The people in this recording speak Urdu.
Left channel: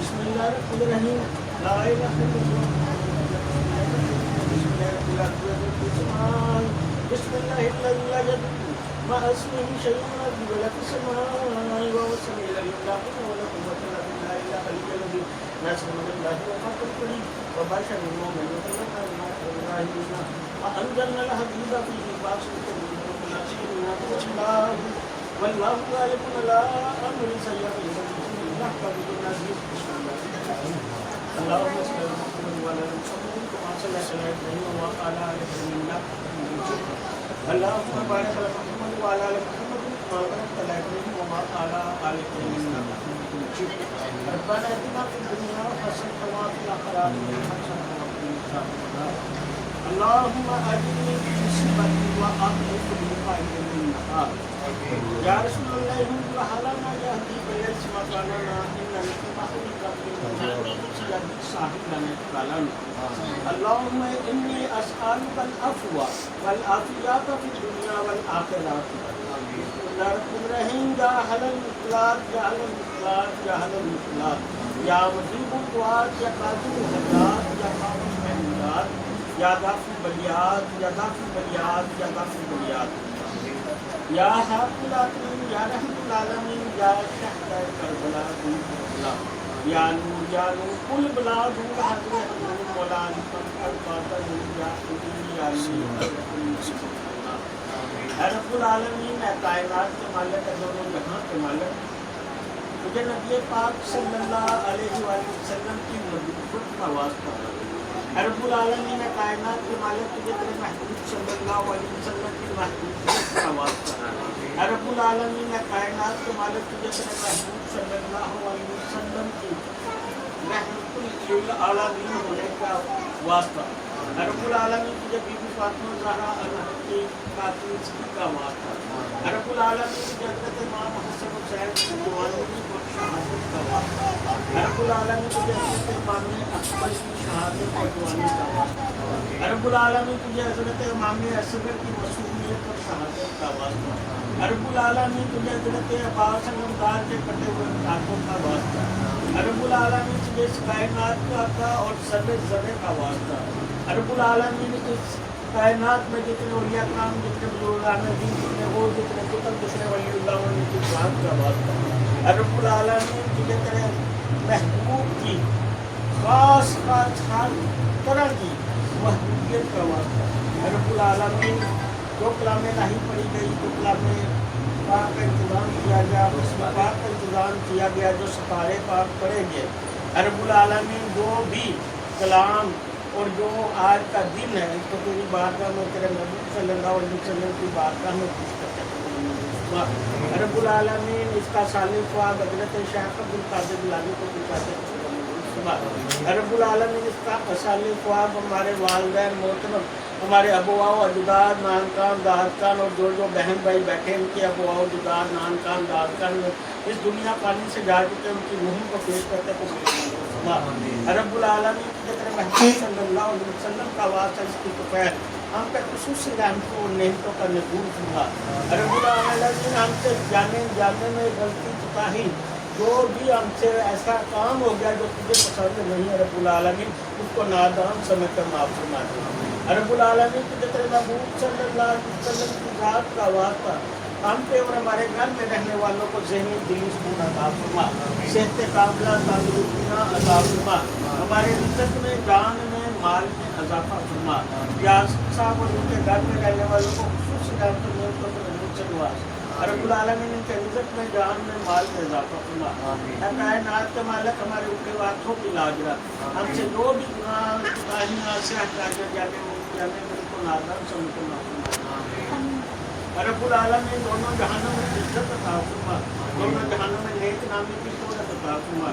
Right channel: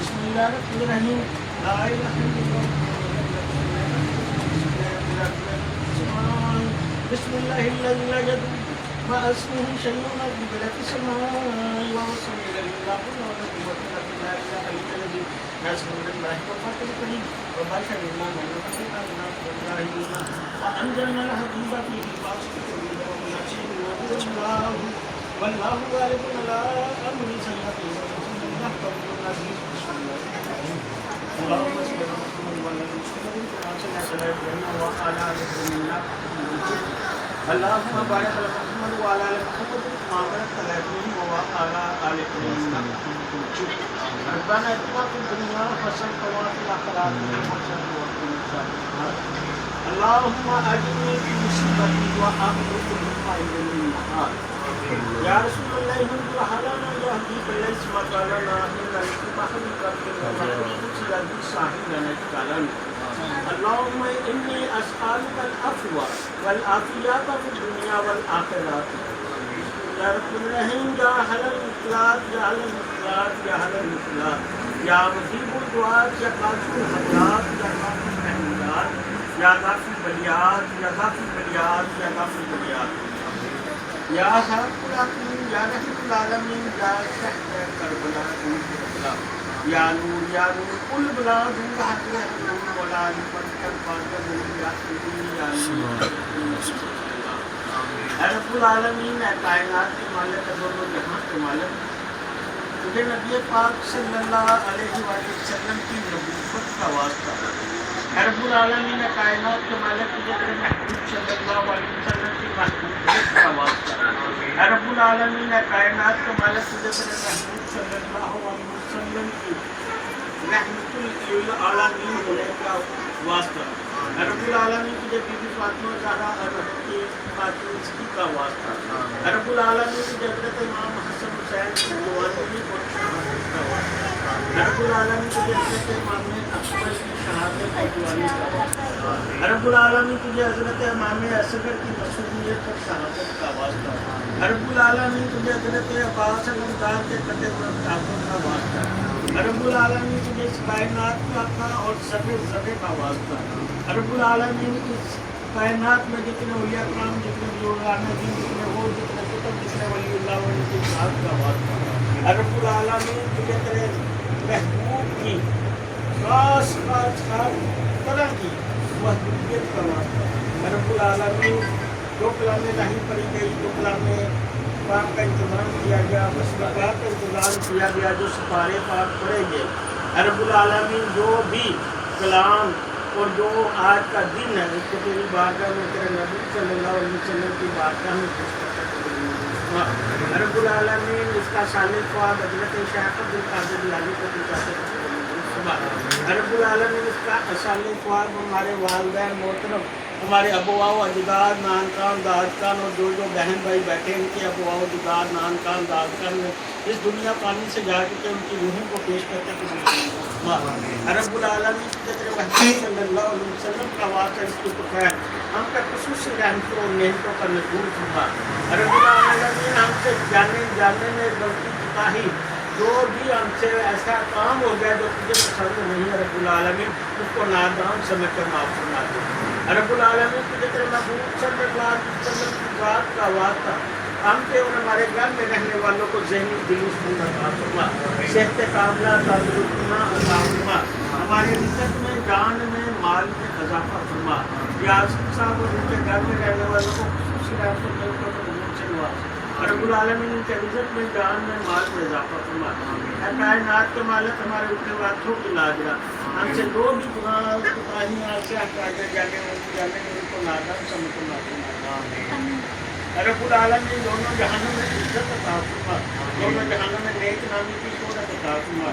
Bismillahirrahmanirrahim. La ilaha illallah. Bismillahirrahmanirrahim. La yadu ma asmihi shay'un illa fi samai wa samil lillahi wa la quwwata illa billahi al-aliyyil nasrullahi wa fathul wa basharna man yataqabbalu minna wa anzalna al-hadiba fihi ba'sun wa nashru wa wallahu ghalibun ala amri sallallahu alaihi wa sallam. اللهم صل على محمد وعلى ال محمد كما صليت على ابراهيم وعلى ال ابراهيم اللهم بارك على محمد وعلى ال محمد كما باركت على ابراهيم وعلى ال ابراهيم ربنا اتنا في الدنيا حسنه وفي الاخره حسنه وقنا عذاب النار اللهم اجرني في مصيبتي واخرجني من المحال يا رسول الله انت حلانا يهدي بالليل مكاننا ان المحرك اللهم إني أسألك العفو والعافية في الدنيا والآخرة. يا رب الرحيم يا أهل الإخلاص يا أهل الإخلاص يا أهل الإخلاص يا مجيب الدعاء يا قاضي الحاجات يا قاضي الحاجات يا غافر البليات يا غافر البليات يا غافر البليات يا حق العالمين يا رحم العالمين يا شهد كربلاء يا نور يا نور كل بلاد وحدك ولا نفكر فاضل يا يا رب العالمین اے کائنات کے مالک دونوں جہاں کے مالک تجھے نبی پاک صلی اللہ علیہ وآلہ وسلم کی نبوت کا واسطہ اے رب العالمین اے کائنات کے مالک تجھے تیرے محبوب صلی اللہ علیہ وسلم کی محبوبیت کا واسطہ اے رب العالمین اے کائنات کے مالک تجھے تیرے محبوب صلی اللہ علیہ وسلم کی رحمت للعالمین ہونے کا واسطہ رب العالمین تجھے بی بی فاطمہ زہرا کی فاطمہ کا واسطہ رب العالمین تجھے حضرت امام حسن حسین کی جوانی اور شہادت کا واسطہ رب العالمین تجھے حضرت امام اکبر کی شہادت اور جوانی کا واسطہ رب العالمین تجھے حضرت امام اصغر کی مسئولیت اور شہادت کا واسطہ رب العالمین تجھے حضرت عباس المدار کے کٹے ہوئے تعلق کا واسطہ رب العالمین تجھے اس کائنات کا اور سب ذرے کا واسطہ رب العالمین اس کائنات میں جتنے اولیاء کرام جتنے بزرگان دین جتنے وہ جتنے کتب جتنے ولی اللہ علیہ کی ذات کا واسطہ رب العالمین تجھے تیرے محبوب کی خاص طرح کی محبوبیت کا واسطہ رب العالمین جو کلام الہی پڑھی گئی جو کلام پاک کا انتظام کیا گیا مسئلہ پاک کا انتظام کیا گیا جو سپارے پاک پڑھیں گے رب العالمین جو بھی کلام اور جو آج کا دن ہے اس کو تیری بارگاہ میں تیرے نبی صلی اللہ علیہ وسلم کی بارگاہ میں پیش کرتے ہیں رب العالمین اس کا صالح خواب حضرت شیخ عبد القادر جیلانی کو پہنچاتے ہیں رب العالمین اس کا صالح خواب ہمارے والدین محترم ہمارے ابوا و اجداد نانکان دادکان اور جو بہن بھائی بیٹھے ان کے ابوا و اجداد نانکان دادکان میں اس دنیا پانی سے جا کے ان کی روحوں کو پیش کرتے ہیں رب العالمین کے تیرے محبوب صلی اللہ علیہ وسلم کا واسطہ اس کی خیر ہم کا خصوصی رحمتوں اور نعمتوں کا نزول ہوا رب العالمین ہم سے جانے میں غلطی کوتاہی جو بھی ہم سے ایسا کام ہو گیا جو تجھے پسند نہیں ہے رب العالمین اس کو نادان سمجھ کر معاف فرما دے رب العالمین تجھے تیرے محبوب صلی اللہ علیہ وسلم کی ذات کا واسطہ ہم پہ اور ہمارے گھر میں رہنے والوں کو ذہنی دلی سکون عطا فرما صحت کاملہ تندرستیاں عطا فرما ہمارے رزق میں جان میں مال میں اضافہ فرما یا صاحب اور ان کے گھر میں رہنے والوں کو خصوصی رحمتوں میں چلوا رب العالمین ان کے رزق میں جان میں مال میں اضافہ فرما اے کائنات کے مالک ہمارے اوپر ہاتھوں کی لاجرا ہم سے جو بھی گناہ کوتاہیاں سے ہٹا کر جانے ان کو نادان سمجھ کر معاف فرما رب العالمین دونوں جہانوں میں عزت عطا فرما دونوں جہانوں میں نیک نامی کی شہرت عطا فرما